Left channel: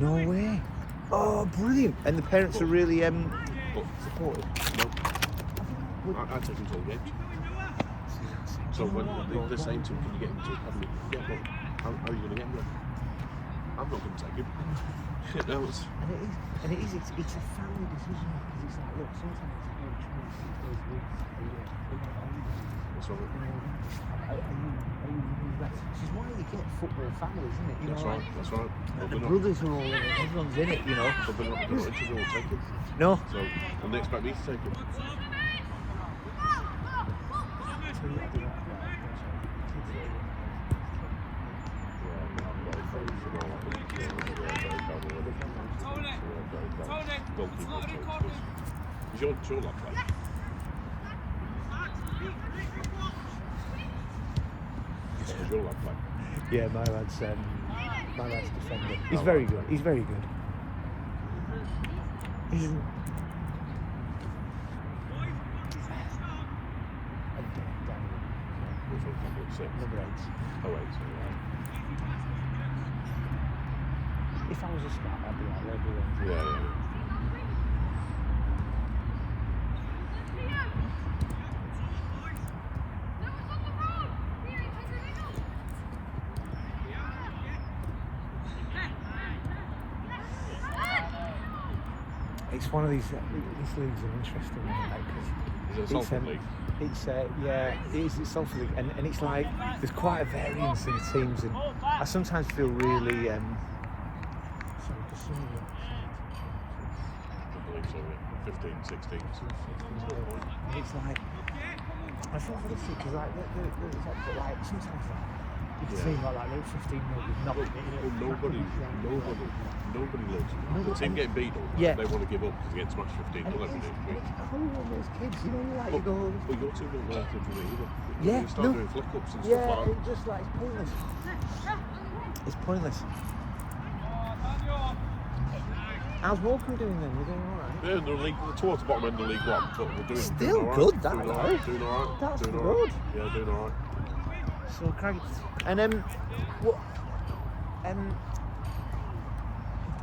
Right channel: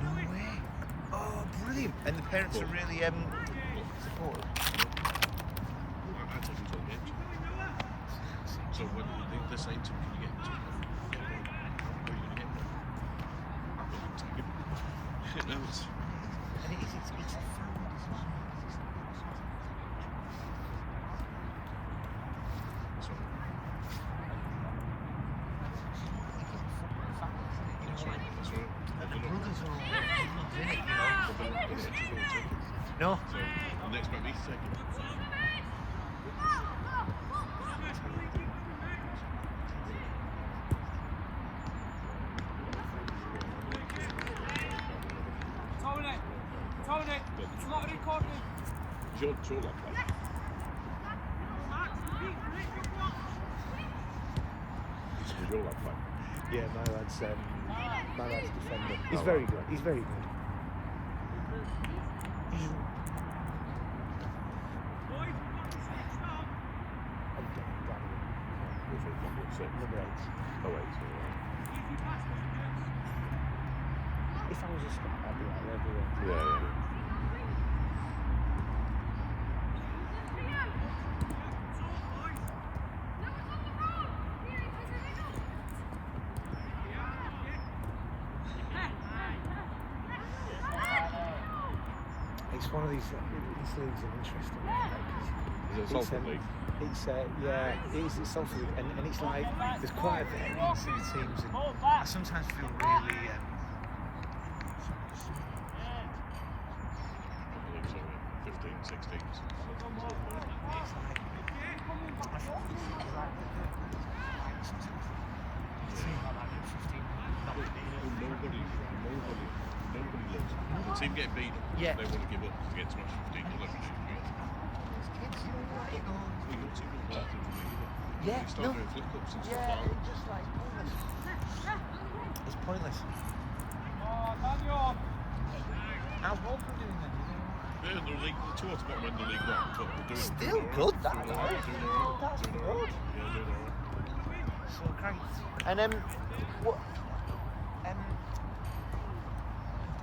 No way. Oh, brilliant. And the parents are really supportive. I didn't all games. So when they're saying to him, can you get into academy? Yeah, but how are you going to get into it? I'm not going to take him. No, And it is, it's a family decision. Because it's like, look, sometimes this is why you get football families, isn't it? You that's know, right, that's right. The brothers are all in it, everyone's in it, you know. But they're not interested in take it. No. So, and they expect me to take it. Tony, it's not recorded. He's on tour. Yeah, my lad's he's very good. He's very good. It's one of these leagues are interesting. It's something, and it's like there's quite a variance in the teams, and I sometimes feel really it's like I feel for the because like sometimes it seems like those 15 mil is not Nobody loves it. The team getting beat up, yeah. They want to give up because they get smashed 15 nil every day. It's cruel on those kids, you know, like you go. But your team don't learn things from it either. Yeah, You start doing flick ups and stuff like that. It's just like pointless. It's pointless. How's Morecambe doing then? Are they doing alright? Yeah, they're towards the bottom end of the League One, but they're doing Still doing good, right. that Doing though. Doing alright. That's doing good. Alright. Yeah, doing alright. So craggy. And what?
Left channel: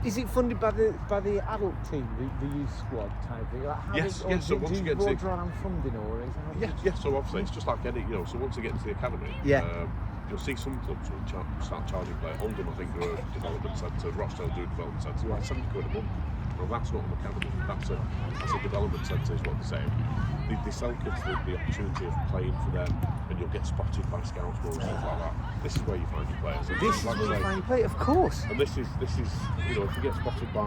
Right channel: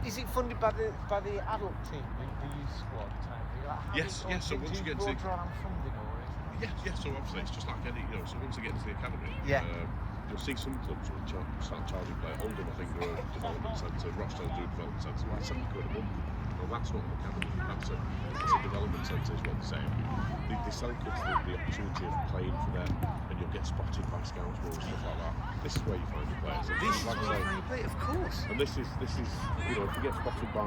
Is it funded by the adult team, the youth squad type thing? Like how Yes, do so once you you get draw to- on funding or is it? Yeah, so obviously it's just like any, so once they get into the academy, Yeah. You'll see some clubs will start charging players. London, I think, the development centre, Rochdale do development centre, well, £7 a month. Well, that's not the academy, that's a development centre, is what they're saying. They sell kids the opportunity of playing for them, and you'll get spotted by scouts and stuff like that. This is where you find players. This is where you find play, of course. And this is, if you get spotted by,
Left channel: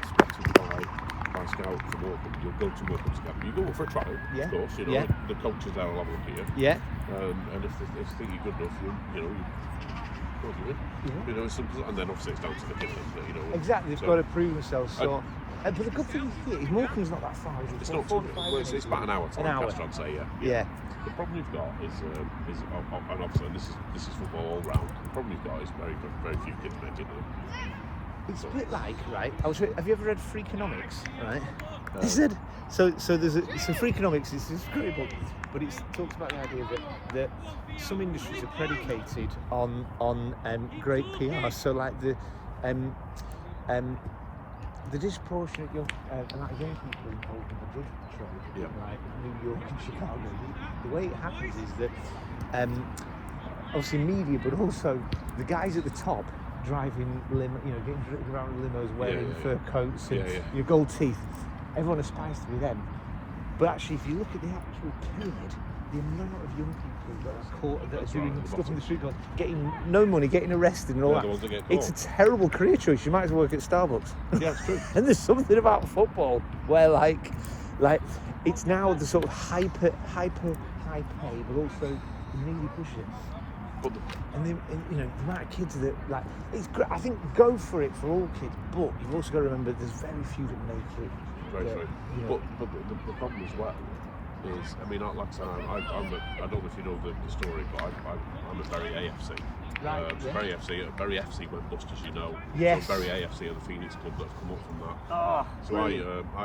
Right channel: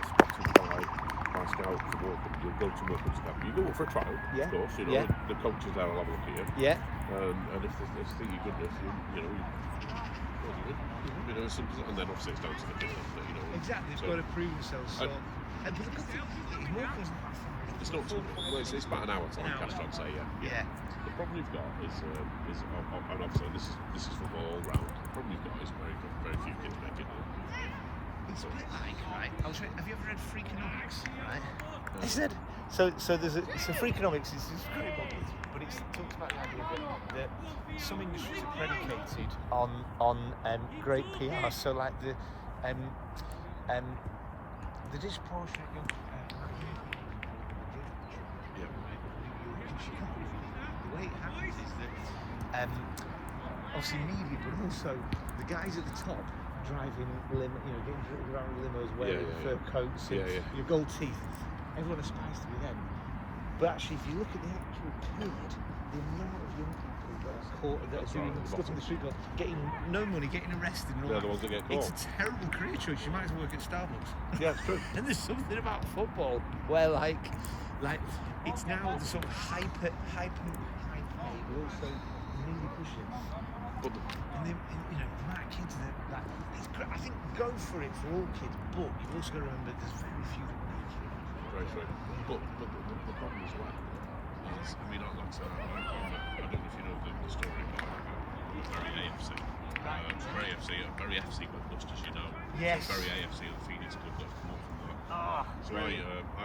scouts for work, you'll go to work on scout. You go for a trial, of course, the coaches are level here. Yeah. And if they think you're good enough, and then obviously it's down to the coach, Exactly, they've got to prove themselves. So, but the good thing is Morecambe's not that far. It's not too far. It's about an hour. An hour. I'd say, Yeah. The problem you've got is and obviously this is football all round. The problem you've got is very few kids make it. It's a bit like, right? Have you ever read Freakonomics? Right? He said so. There's Freakonomics. It's this great book, but it talks about the idea that some industries are predicated on great PR. So like the disproportionate young people involved in the drug trade, like New York and Chicago. The way it happens is that obviously media, but also the guys at the top driving getting hit around limos, wearing fur coats and your gold teeth. Everyone aspires to be them. But actually, if you look at the actual kid, the amount of young people that are doing stuff in the street, getting no money, getting arrested and all that. It's a terrible career choice. You might as well work at Starbucks. Yeah, it's true. And there's something about football where like it's now the sort of hyper pay, but also really pushing. And then, the amount of kids that it's great. I think go for it for all kids, but you've also got to remember there's very few that make it. But the problem as well is, like I said, I don't know if you know the story, but I'm a very AFC. Right. Very FC went bust, as you know. Yes. Very AFC are the Phoenix Club that have come up from that. Oh, so I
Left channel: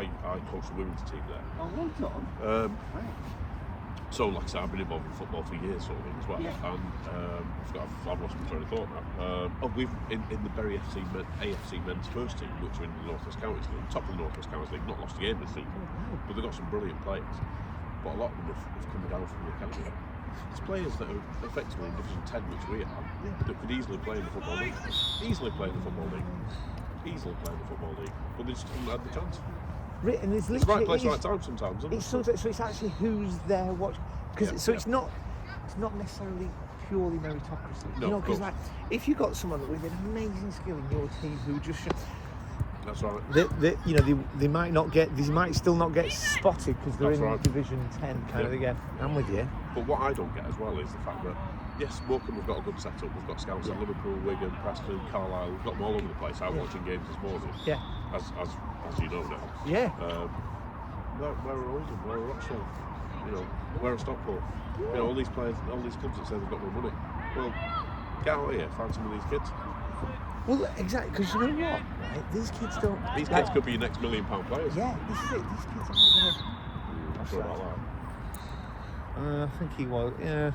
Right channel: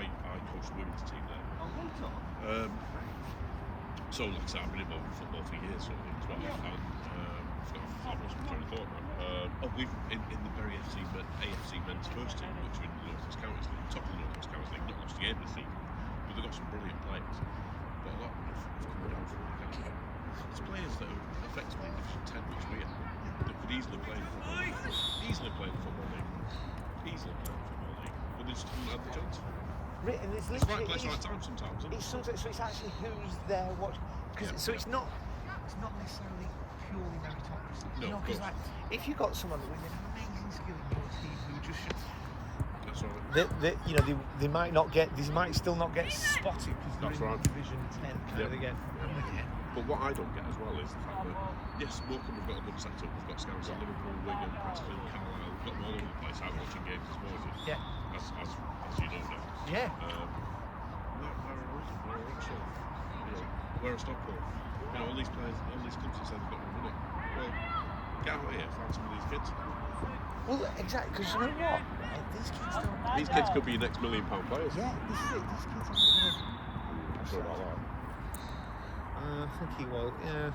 coach the women's team there. Oh, well done. So, like I said, I've been involved in football for years, sort of thing as well. And I've lost my train of thought now. We've in the Bury AFC men's first team, which are in the North West Counties League, top of the North West Counties League, not lost a game this season, but they've got some brilliant players. But a lot of them have come down from the academy. It's players that are effectively in Division 10, which we are, that could easily play in the football league. Easily play in the football league. But they just haven't had the chance. And it's It's the right place, right time sometimes, isn't it? So it's actually who's there watching. So it's not necessarily purely meritocracy. No, you know, because like if you've got someone with an amazing skill in your team who just that's right. They might still not get spotted because they're in Division 10 kind of thing. Yeah, I'm with you. But what I don't get as well is the fact that yes, Morecambe have got a good setup. We've got scouts in Liverpool, Wigan, Preston, Carlisle. We've got them all over the place. I'm watching games this morning. Yeah. As you know now. Yeah. Where are Oldham? Where are Oxford? You know, where are Stockport? You know, all these players, all these clubs that say they've got no money. Well, get out here, find some of these kids. Well, exactly, because you know what, right? These kids don't. These kids could be your next £1 million players. Yeah, I think he will. Yeah.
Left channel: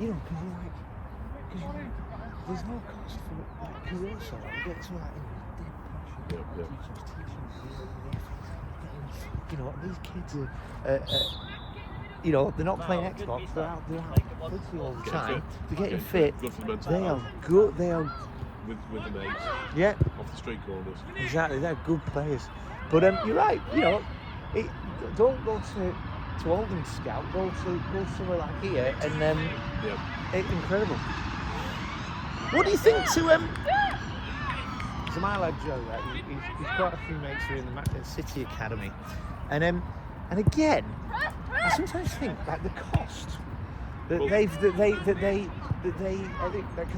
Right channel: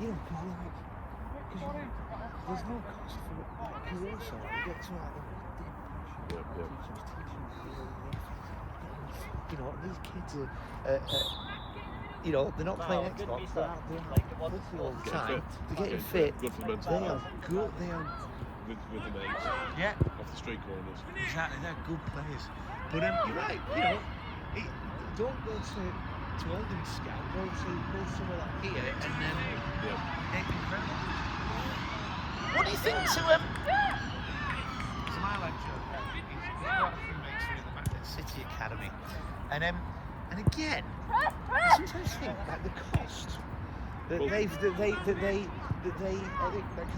You know, there's no cost for careers. You know, these kids are, they're not playing Xbox, they're getting fit. They are good, they are. With the mates. Yeah. Off the street corners. Exactly, they're good players. But you're right, don't go to Oldham Scout, go somewhere like here, and it's incredible. What do you think to So my lad Joe, right, he's quite a few mates who are in the City Academy, and again, I sometimes think like the cost that they because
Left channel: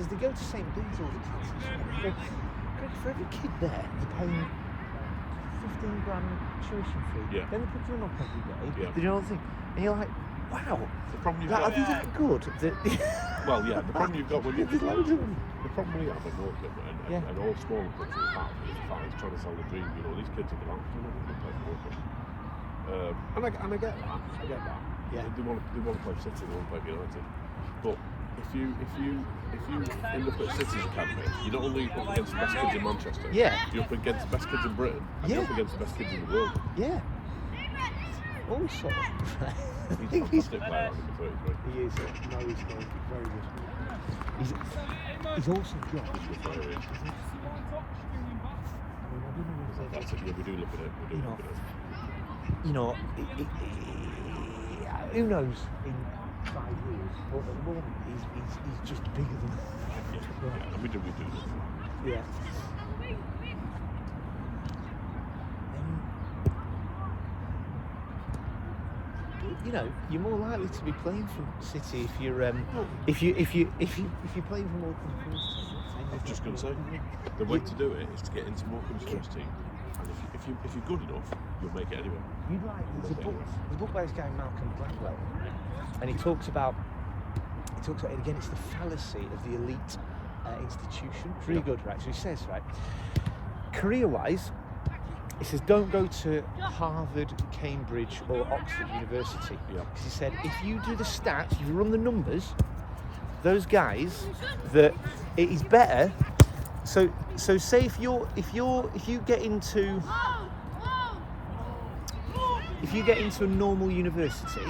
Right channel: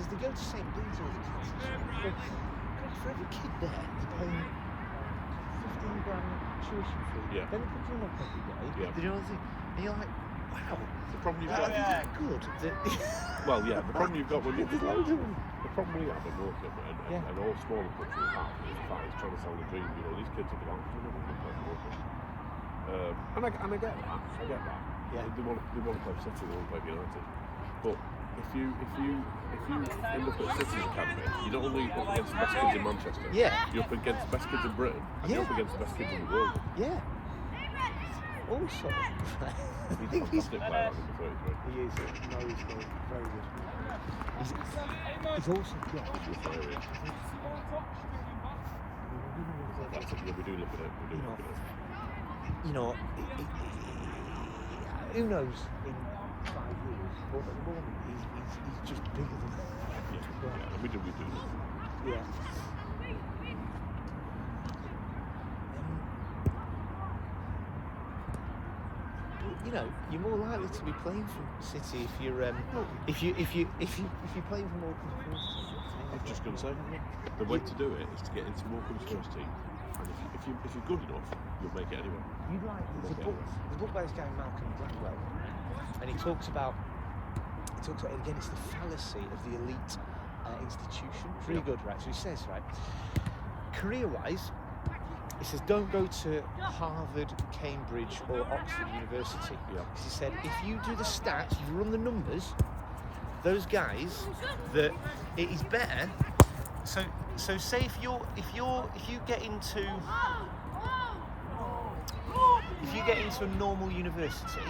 they go to St. Ben's all the time. For every kid there, they're paying £15 tuition fee. Yeah. You know what I mean? And you're like, wow, are they that good? Well, yeah. The problem you've got when Yeah. And all small kids, trying to sell the dream, these kids are going and I get that. They want to play City, they want to play United. But if you look at City's campaign, you not only up against the best kids in Manchester, you're up against the best kids in Britain, you're up against the best kids in the world. Yeah. Oh shit. You think he's good player? He is. He's also good. We do look at it. You know, who knows? He's just bigger than. We do. Yeah. You know, you're more likely to be playing for City if you're playing for. I'm just going to say, the way to do it is to get into Morecambe's first team. If you're good enough, you'll make it anyway. There's a book by this guy Malcolm, and he talks about again, it's the fallacy of the elite institution. It's really good, right? So he says, right, career-wise, he says, don't go to Harvard, Cambridge, or Oxford University. He said, if you do the stats, you run the numbers, those guys, that it is better. So say if you get into a normal university,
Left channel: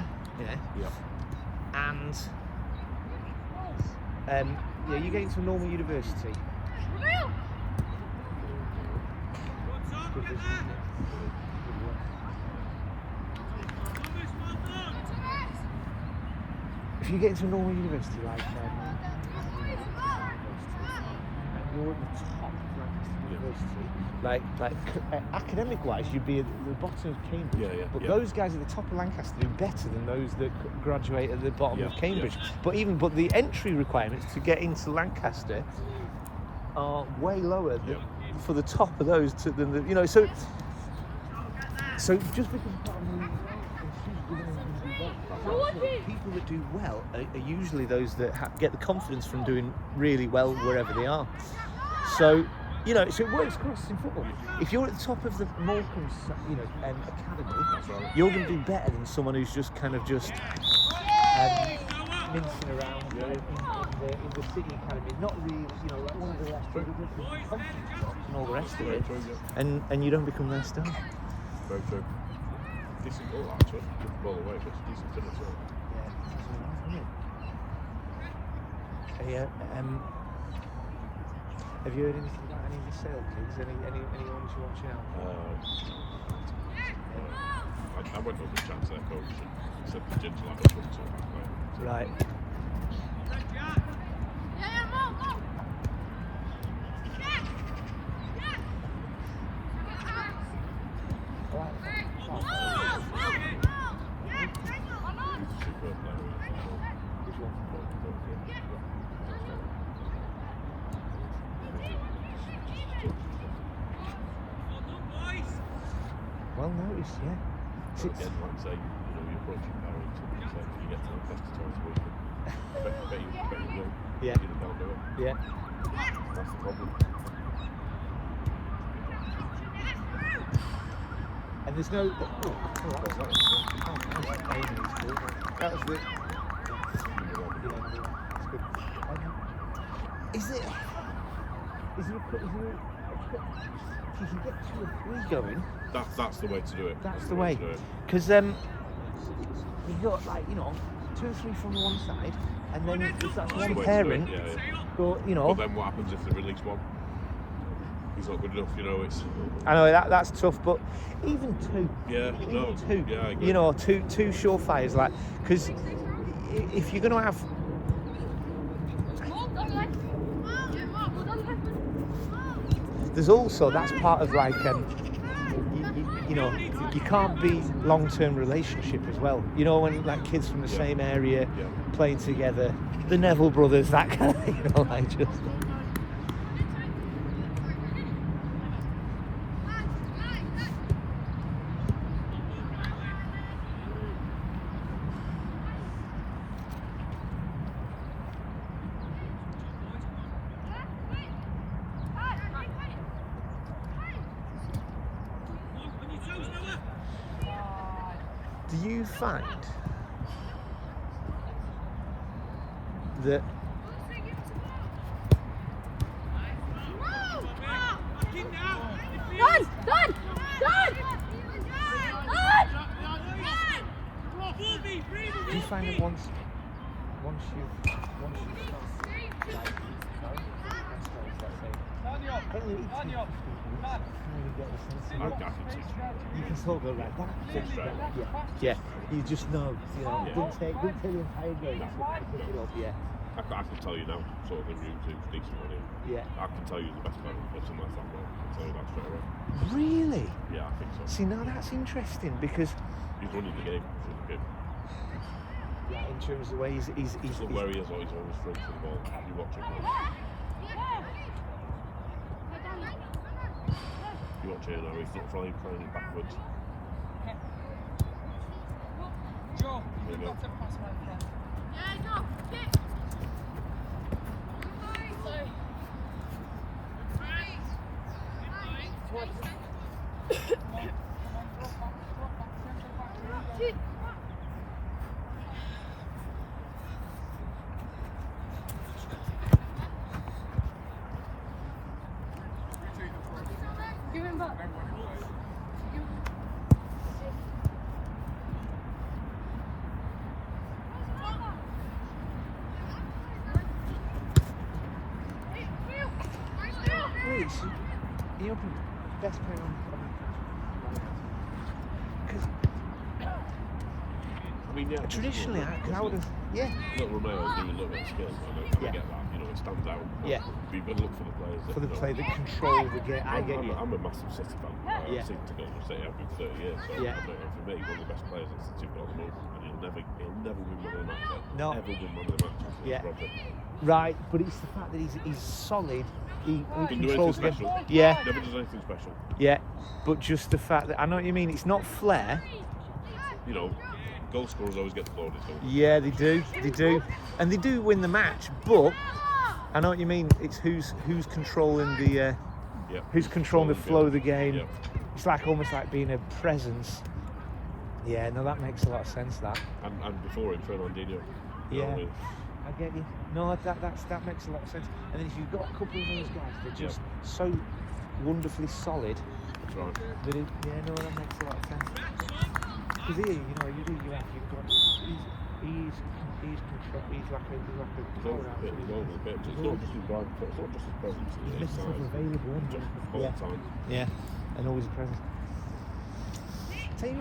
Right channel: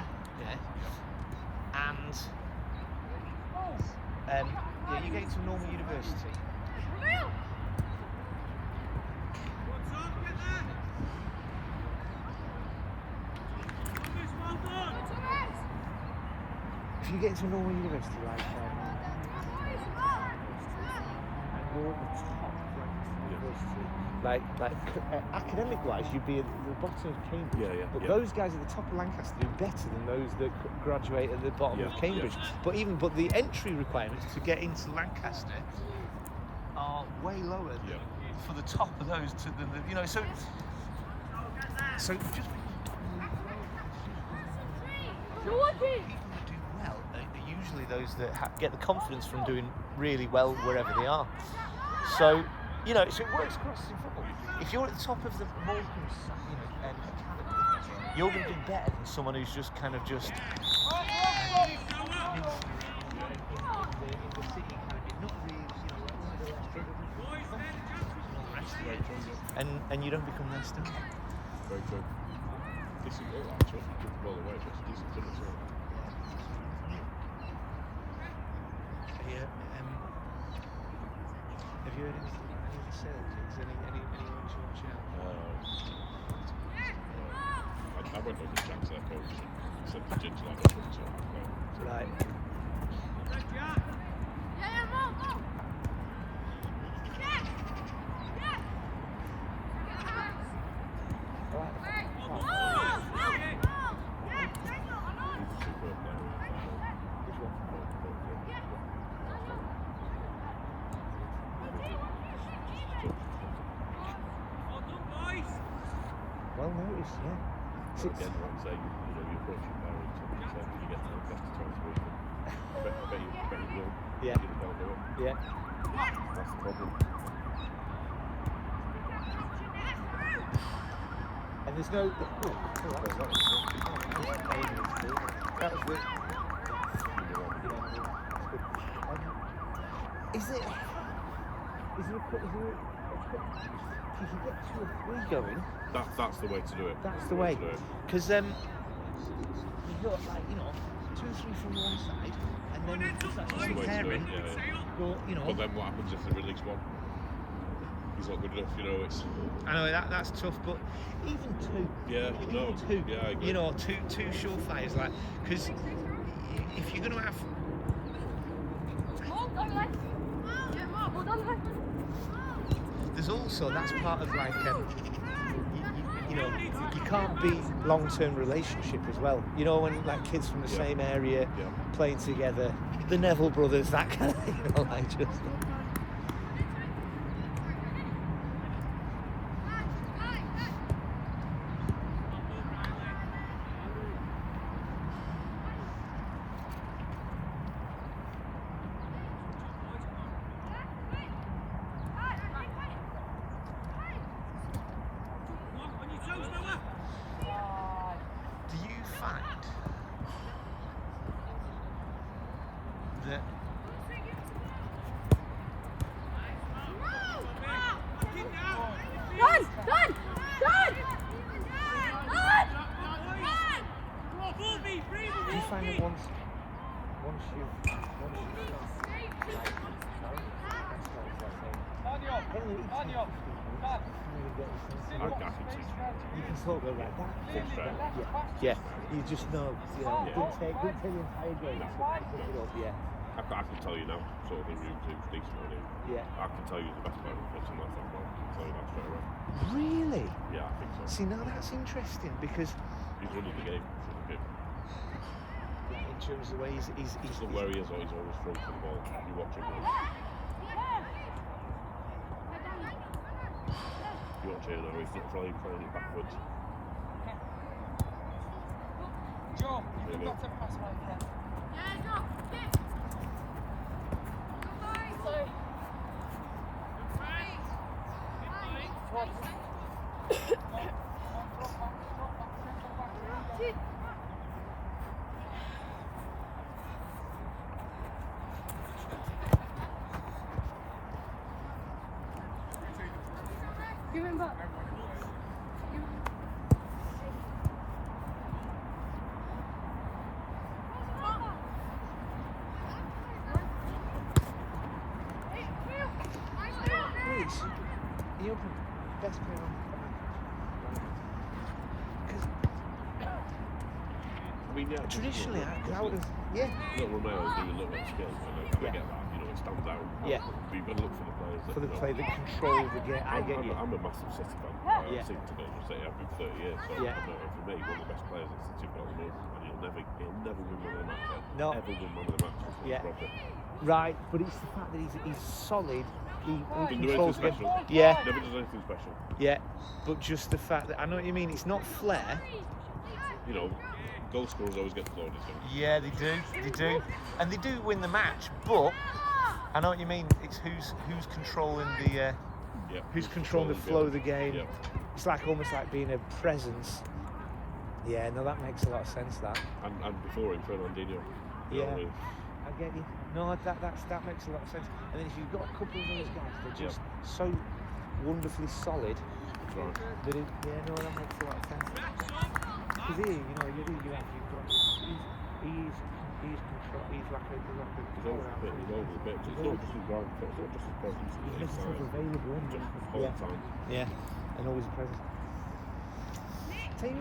and you get into a normal university. If you get into a normal university, like academic-wise, you'd be at the bottom of Cambridge. But those guys at the top of Lancaster are better than those that graduate at the bottom of Cambridge. But the entry requirements to get into Lancaster are way lower than for the top of those than the so just because people that do well are usually those that get the confidence from doing really well wherever they are. So You know, so it works across in football. If you're at the top of the Morecambe, academy, That's right. you're going to do better than someone who's just kind of just mincing around in the city academy, not really, like one of the less confidence jobs and all the rest of it, and you don't become their star. Decent goal, actually. Well, it's a decent finish. Yeah. Have you heard any Celtics? Anyone who's watching out? I went on the chat to that coach. He said the ginger that was Right. Yeah. Yeah. And there's no. Is it? Going? That's the way to do it. That's the way. Because you've got 2 or 3 from one side, and then there's that one parent. But But then what happens if they release one? It's not good enough, it's... I know that's tough, but even 2. Yeah, no, two. Yeah, I agree. Two surefires, like, because if you're going to have... There's also, that's part of like, you can't be long-term relationship as well. When like kids from the same area playing together, the Neville brothers, that kind of, like just. Do you find that yeah, you just know, don't tell him yeah. I can tell you now, so the routine's decent on him. Yeah. I can tell you the best player what's on that football. I can tell you that straight away. Really? Yeah, I think so. See, now that's interesting because He's only beginning. in terms of the way he's Somewhere he is on his own front as well. You watch it. You watch it though, he's flying backwards. Traditionally, yeah. Little Ronaldo doing a little bit of skill, so I get that, it stands out. Yeah. But you've got to look for the players. For the play that control the game. I get you. I'm a massive City fan. Yeah. I've seen to go to City after 30 years. So Yeah. For me, one of the best players at City is. He'll never win one of the matches. No. Ever win one of the matches. Yeah. Proper. Right, but it's the fact that he's solid. He Didn't do anything controls the special. game. Yeah. Never does anything special. Yeah. But just the fact that I know what you mean. It's not flair. Goal scorers always get the glory. Yeah, they do, and they do win the match. But I know what you mean. It's who's controlling the who's controlling the flow of the game. It's like almost like being a presence. Yeah, no, that makes a lot of sense. That. And before it, Fernandinho. Yeah, I get you. No, that makes a lot of sense. And then if you've got a couple of those guys, they're just so wonderfully solid. That it, yeah, no, that makes a lot of sense. Because here, you know, you've got he's yeah, and always a presence. He's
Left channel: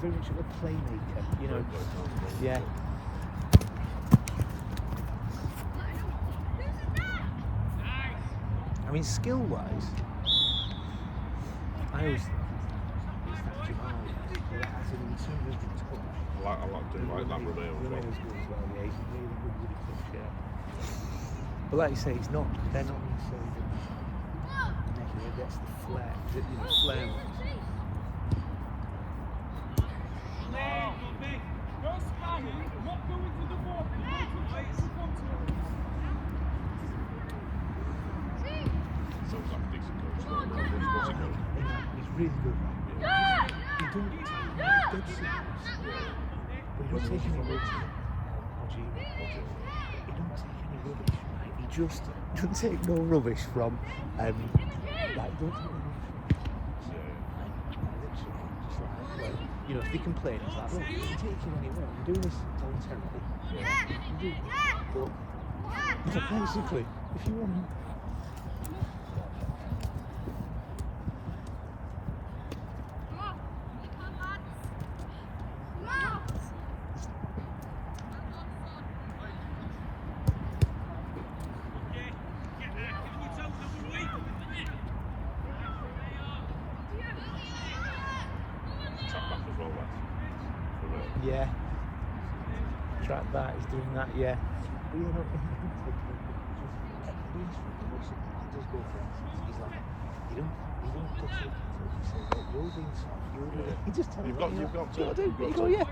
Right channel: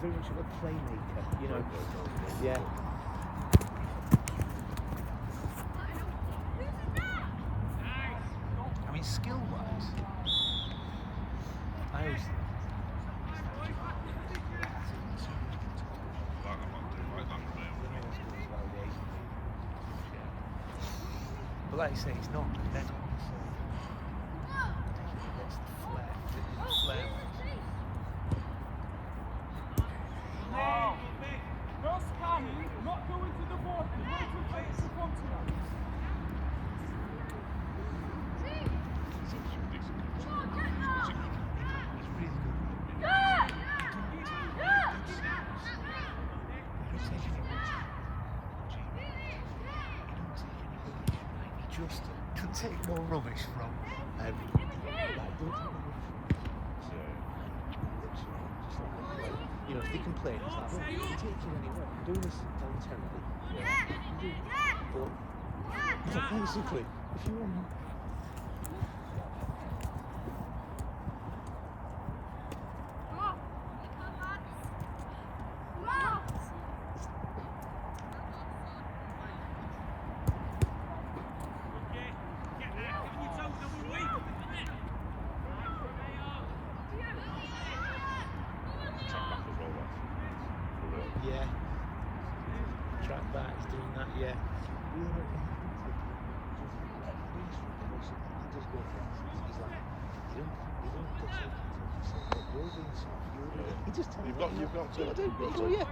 very much of a playmaker, you know. Yeah. I mean, skill-wise, I always I like Romeo as well. But like you say, they're not necessarily that's the flair, flair one. No spamming, not going to the board, waiting for it to come to us. He's really good. He don't dead serious, but he don't take any rubbish. He don't take any rubbish, right? He just doesn't take no rubbish from. You know, if they complain, it's like, you're taking it, do this intensity. Basically, if you want. Yeah. Track back is doing that, yeah.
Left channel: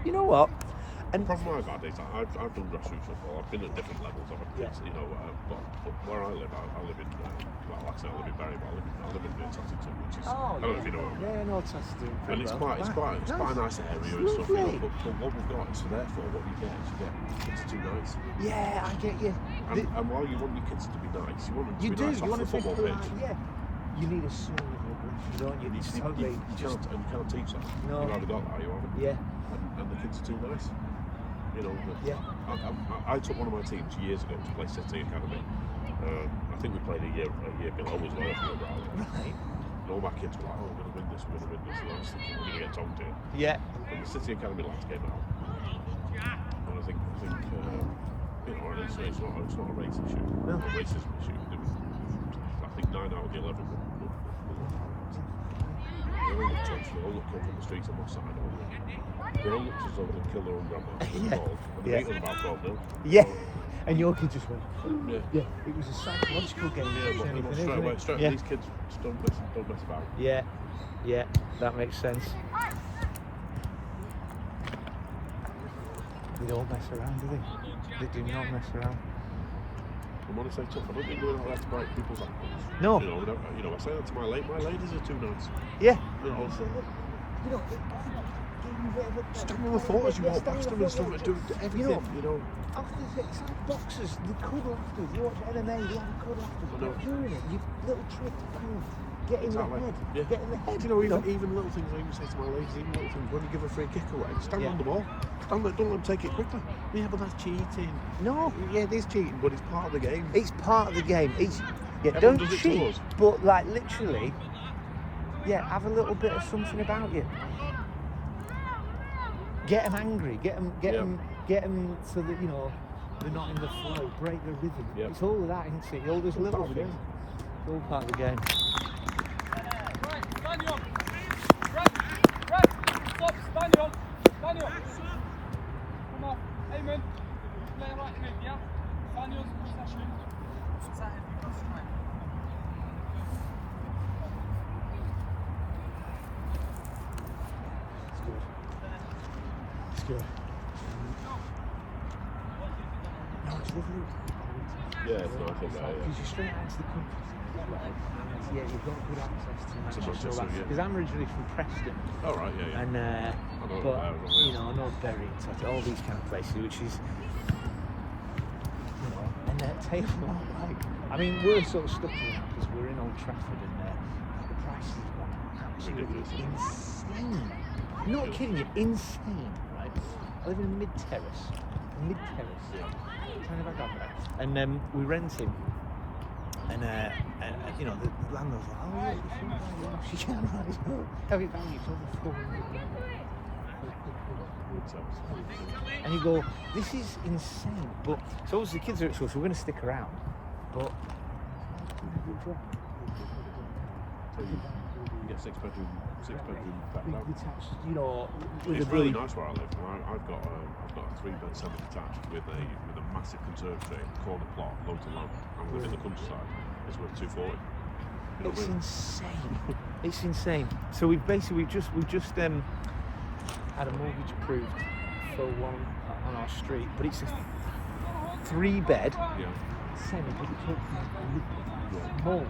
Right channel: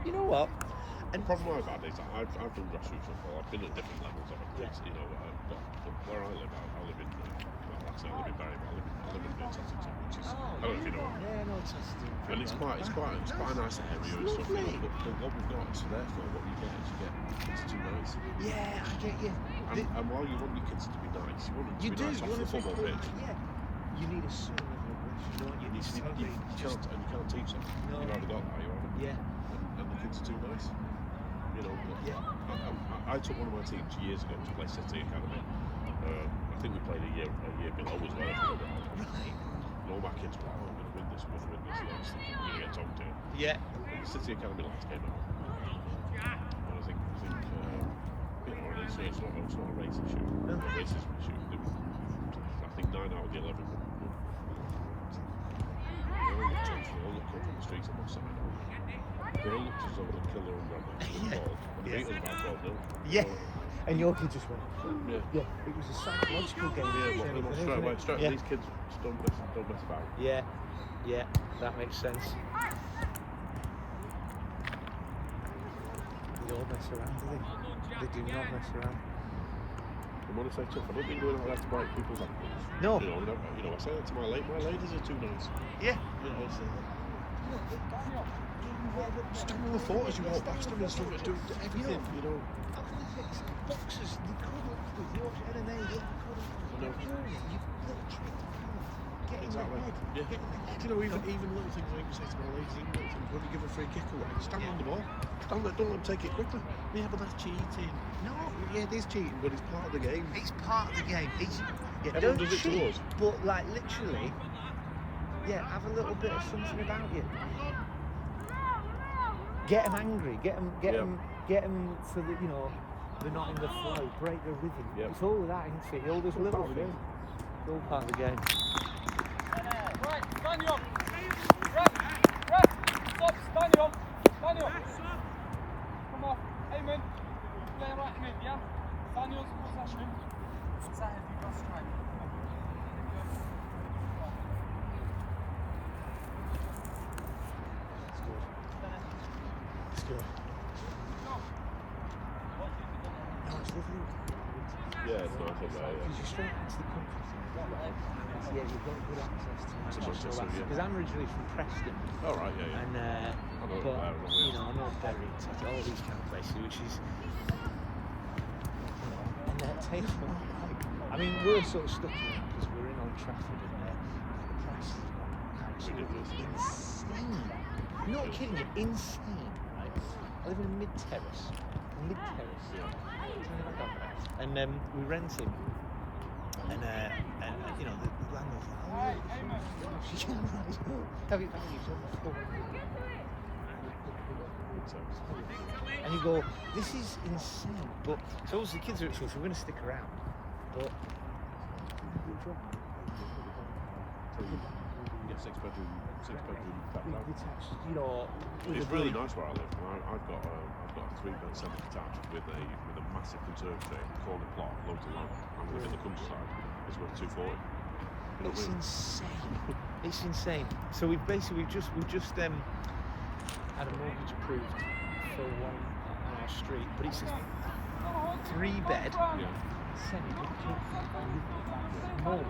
You know what? And I've done grassroots football. I've been at different levels of it. You know, where I live in, well, I say I live in Barrymore. I live in Northampton, which is, I don't know if you know where. Yeah, Northampton. And it's quite a nice area and stuff. You know, but what we've got is therefore what you get is you get kids too nice. Yeah, I get you. And while you want your kids to be nice, you want them to be nice off the football pitch. Yeah. You need a son. You don't get You can't teach that. No. You either got that or you haven't. Yeah. And the kids are too nice. You know, I took one of my teams years ago to play City Academy. I think we played a year below as well. And all my kids were like, oh, we're going to win this. I was thinking, we're going to get top tier. Yeah. And the City Academy lads came out. And I think you know, it's not a racing shoot. No. Races shoot. I think 9 out of 11. They all look from the streets on the side. They all looked as though they'd kill their own grandma. Yeah. And your kid just went. Yeah. It was a psychological game. Straight away. These kids don't mess about. Yeah. Yeah. That makes sense. You don't mess around, do they? They do not mess around. And when I say tough, I don't mean doing that to my people. No. You know, I say that to my ladies are too nice. Yeah. You know, Stand on the floor as you walk past them and stuff, do everything, you know. After this, boxers, they cuddle after. You watch MMA, they cuddle after. They're doing it. You little trick to kind of get in the head. Yeah. Get in the head. You know, even little things I even say to my ladies, even little things, when you give a free kick away, stand on the ball. Don't let them take it quickly. Yeah, but that's cheating. No. Yeah, it is cheating, but it's part of the game. It's part of the game. It's don't cheat, but like literally, have a little bit of something about you. Get them angry. Get them so that they're not in the flow. Break their rhythm. Yeah. It's all of that, isn't it? All those little things. All part of the game. you straight back to the country. Yeah, you get Because because I'm originally from Preston, Oh, right, yeah. and but you know, not Berry, all these kind of places, which is, you know, and that takes me like, I mean, we're sort of stuck here because we're in Old Trafford, and insane. I'm not kidding you, insane, right? Living in mid-terrace, and we rent him, and you know, the landlord's like, oh, she's on the and you go, this is insane. But so obviously the kids are at school, so we're going to stick around. But Yeah, six bedroom. detached, you know, It's really nice where I live. I've got a 3-bed semi-detached with a massive conservatory, corner plot, loads of room. I live in the countryside. It's about 240. it's insane. It's insane. So we just had a mortgage approved for one on our street, but it's a 3-bed. Yeah. More.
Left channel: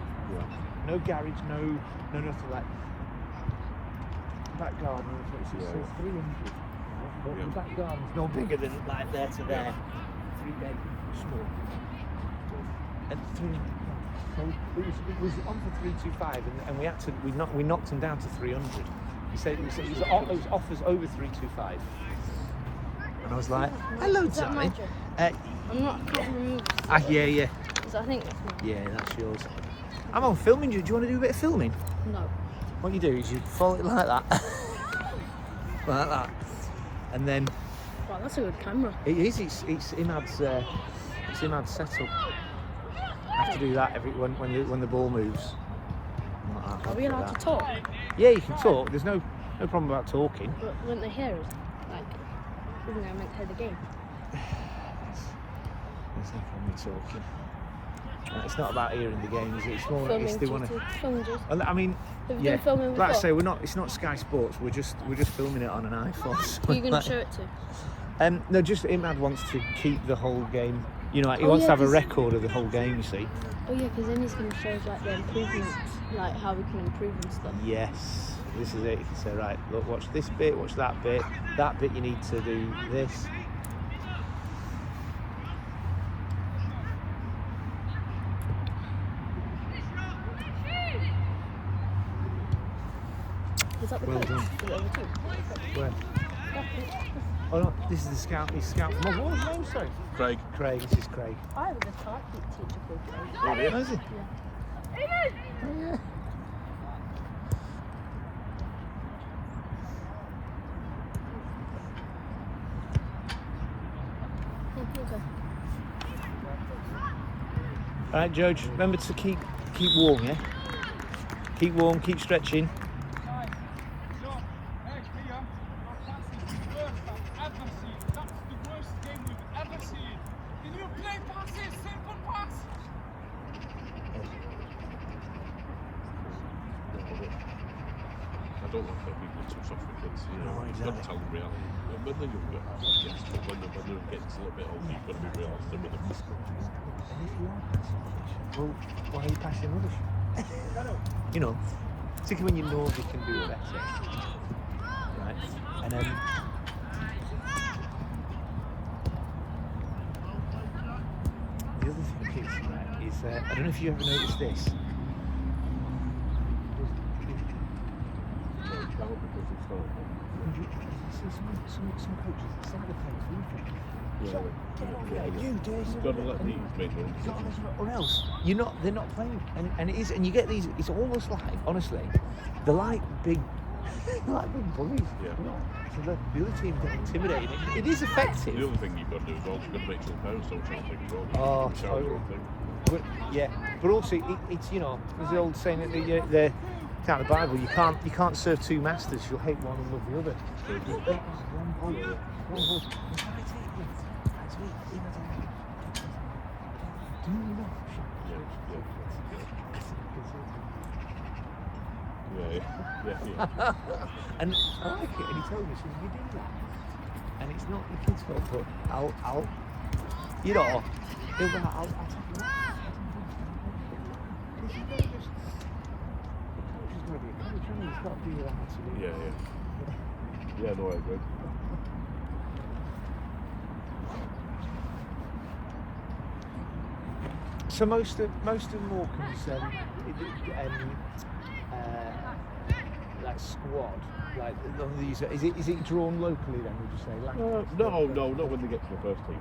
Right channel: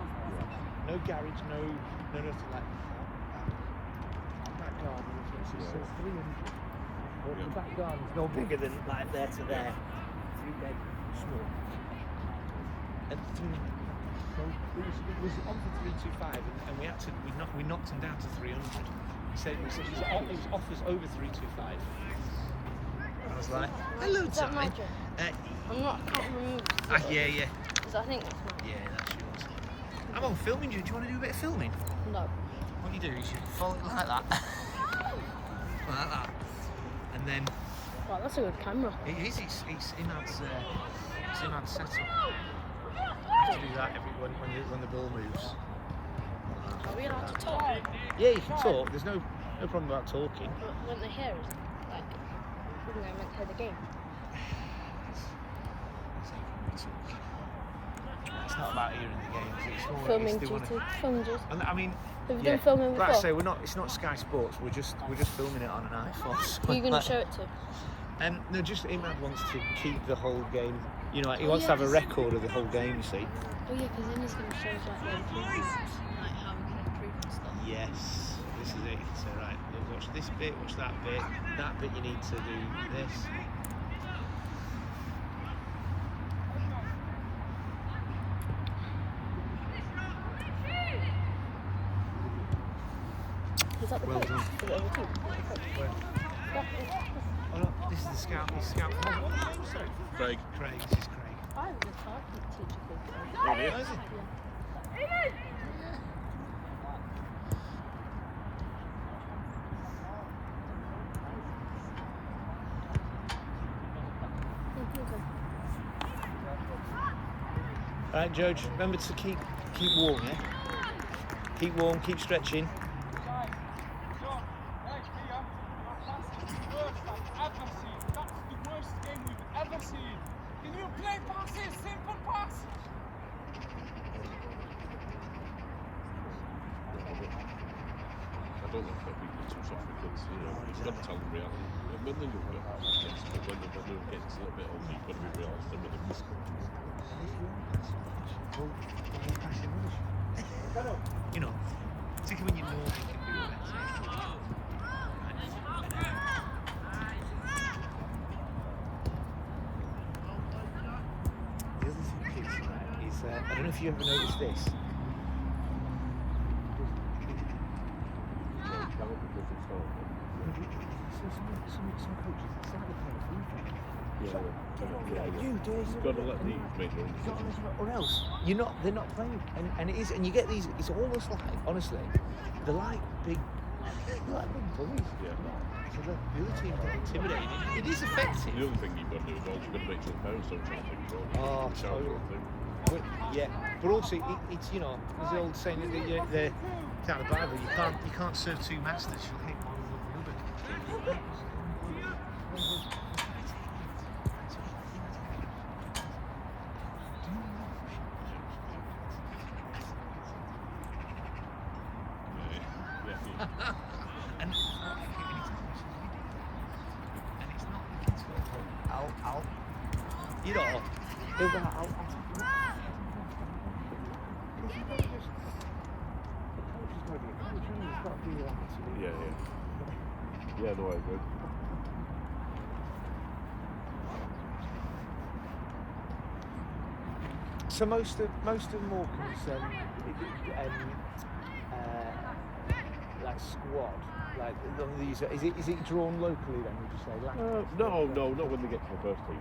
No garage, no nothing like back garden. It's just 300. Back garden's no bigger than like there to there. 3-bed small. And 300. It was on for 325, and we knocked him down to 300. He said his offers over 325. And I was like, hello, Is that Tommy. mine? I'm not remove Yeah. because I think that's mine. Yeah, that's yours. I'm on filming you. Do you want to do a bit of filming? No. What you do is you fold it like that. Like that. And then Wow, that's a good camera. it is, it's Imad's setup. I have to do that when the ball moves. Are we allowed to talk? Yeah, you can talk. There's no problem about talking. But when they hear us, like, isn't they meant to hear the game? There's no problem with talking. It's not about hearing the game, is it? It's more Filming if they want to. fingers. I mean, Have you yeah. been filming Like I before? say, it's not Sky Sports. We're just filming it on an iPhone. So Who are you going to show it to? No, just Imad wants to keep the whole game. You know, he Oh, wants yeah, to have a 'cause- record of the whole game. You see? Oh yeah, because then he's going to show us like the improvements, like how we can improve and stuff. Yes. This is it. So right, look, watch this bit. Watch that bit. That bit you need to do this. Is that the Well coach done. for the other team? Where? Oh no, this is the scout. He's scout from. What was his name? Sorry. Craig. Craig. This is Craig. Oh, is it? Oh, yeah. Okay. All right, George. Remember to keep warm, yeah. Keep warm. Keep stretching. Why are you passing rubbish? You know, particularly when you know they can do it better. Right? And then the other thing is I don't know if you ever noticed this. Or else they're not playing, and it is, and you get these. It's almost like, honestly, they're like big bullies. The other team get intimidated. It is effective. The other thing you've got to do is also make sure the parents don't try and take it over. Oh, totally. But, yeah, but also it's there's the old saying that the out of the Bible, you can't serve two masters. You'll hate one and love the other. And I like it, and he told me, he says, you do that, and it's not the kids' fault, but I'll, even Yeah, no, I agree. So most of Morecambe's like squad, like of these, is it drawn locally then? Would you say that? No, not when we get to the first team.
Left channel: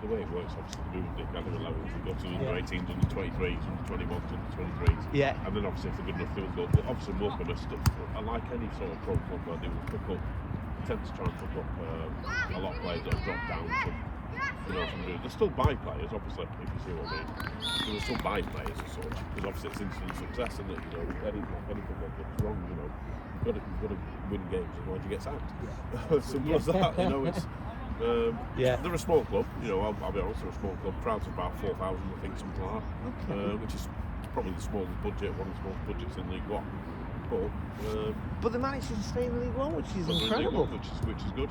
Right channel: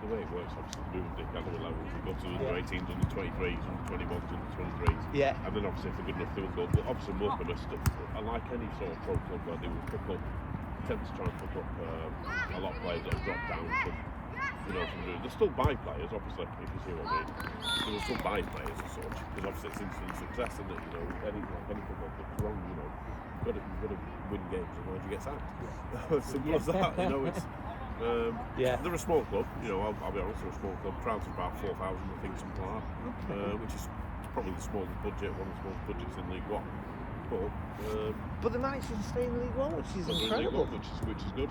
The way it works, obviously, moving it down to 11s, you go to under 18s, under 23s, under 21s, under 23s. Yeah. And then obviously if they're good enough to do it, they'll have some Morecambe stuff. And like any sort of pro club, where they tend to try and pick up a lot of players that drop down. They still buy players, obviously, if you see what I mean. They still buy players as such, because obviously it's instant success, isn't it? Anything that goes wrong, you've got to win games, otherwise you get sacked. Simple as that, it's... They're a small club, I'll be honest, they're a small club. Crowds of about 4,000, I think, something like that, which is probably the smallest budget, one of the smallest budgets in League One. But the manager's staying in League One, which is incredible. Which is good.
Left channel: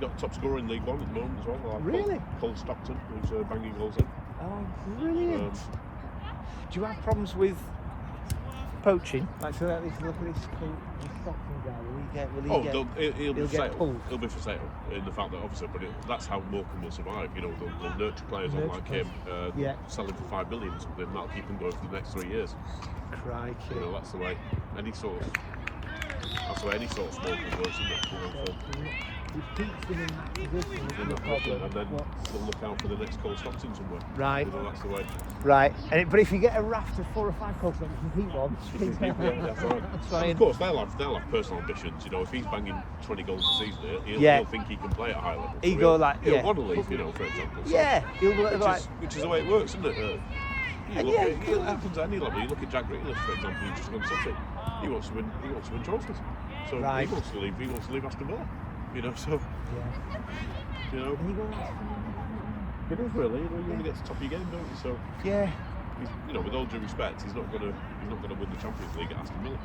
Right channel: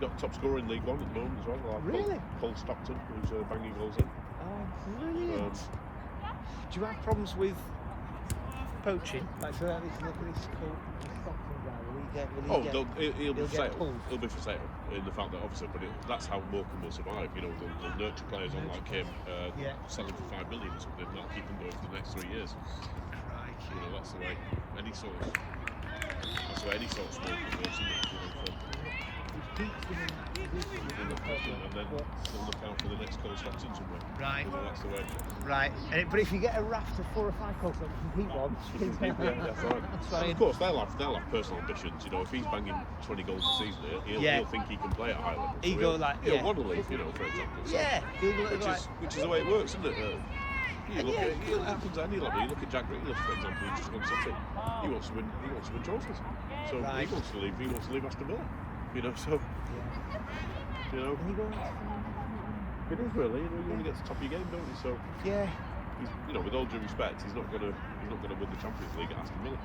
Got top scorer in League One at the moment as well. Really? Phil Stockton, who's banging goals in. Oh, brilliant. Do you have problems with poaching? Like, so that is lovely. He'll be for get sale. pulled. He'll be for sale in the fact that obviously, but that's how Morecambe will survive. They'll nurture players like him, sell him for $5 million or something. That'll keep him going for the next 3 years. Crikey. That's the way any sort of small club works, isn't it? It keeps them in that position, And then we'll look out for the next Cole Stockton somewhere. right. That's the way. Right. But if you get a raft of 4 or 5 clubs that compete on, that's fine. Of course, they'll have personal ambitions. If he's banging 20 goals a season, he'll think he can play at a high level. He'll want to leave, for example. So, which is the way it works, isn't it? It happens at any level. You look at Jack Grealish, for example, he just won City. He wants to win trophies. So he wants to leave Aston Villa. It is really. You want to get to the top of your game, don't you? So yeah. With all due respect, he's not going to win the Champions League against Aston Villa.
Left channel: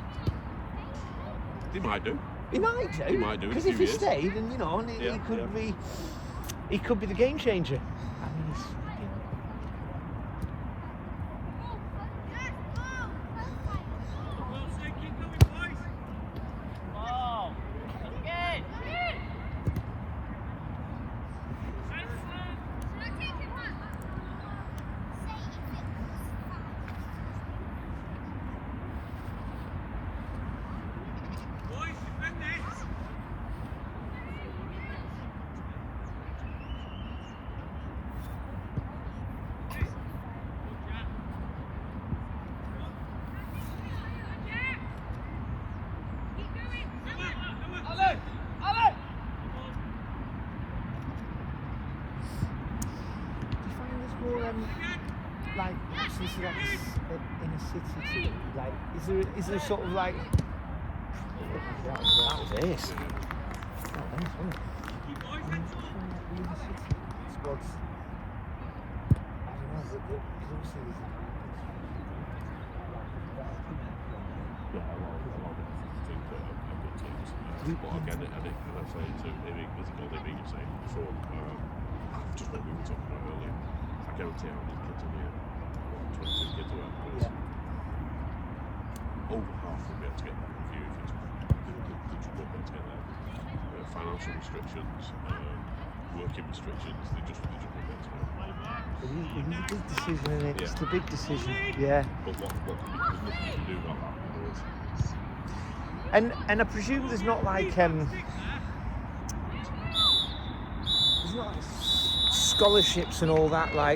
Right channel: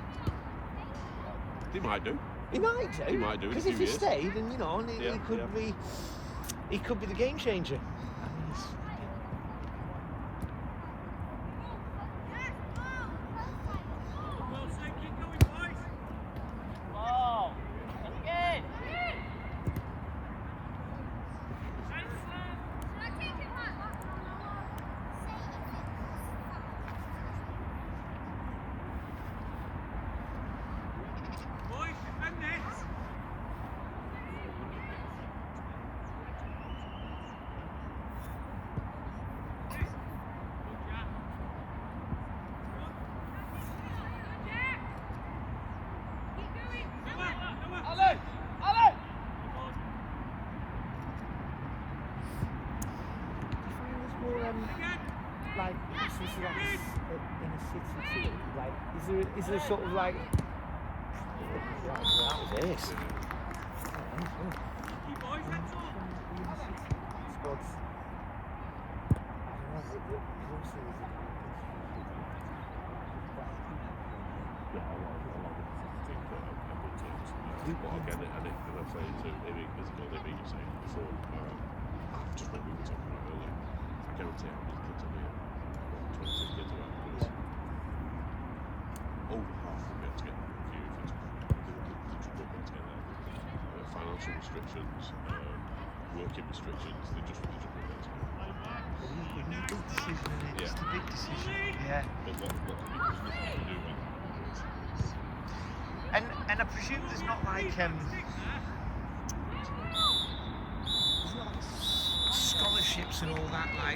He might do. He might do. He might do. Because if he stayed, and he could be the game changer. Is there sort of like this? It's the big decision, yeah. And I presume there's not like there's not scholarships and all that, like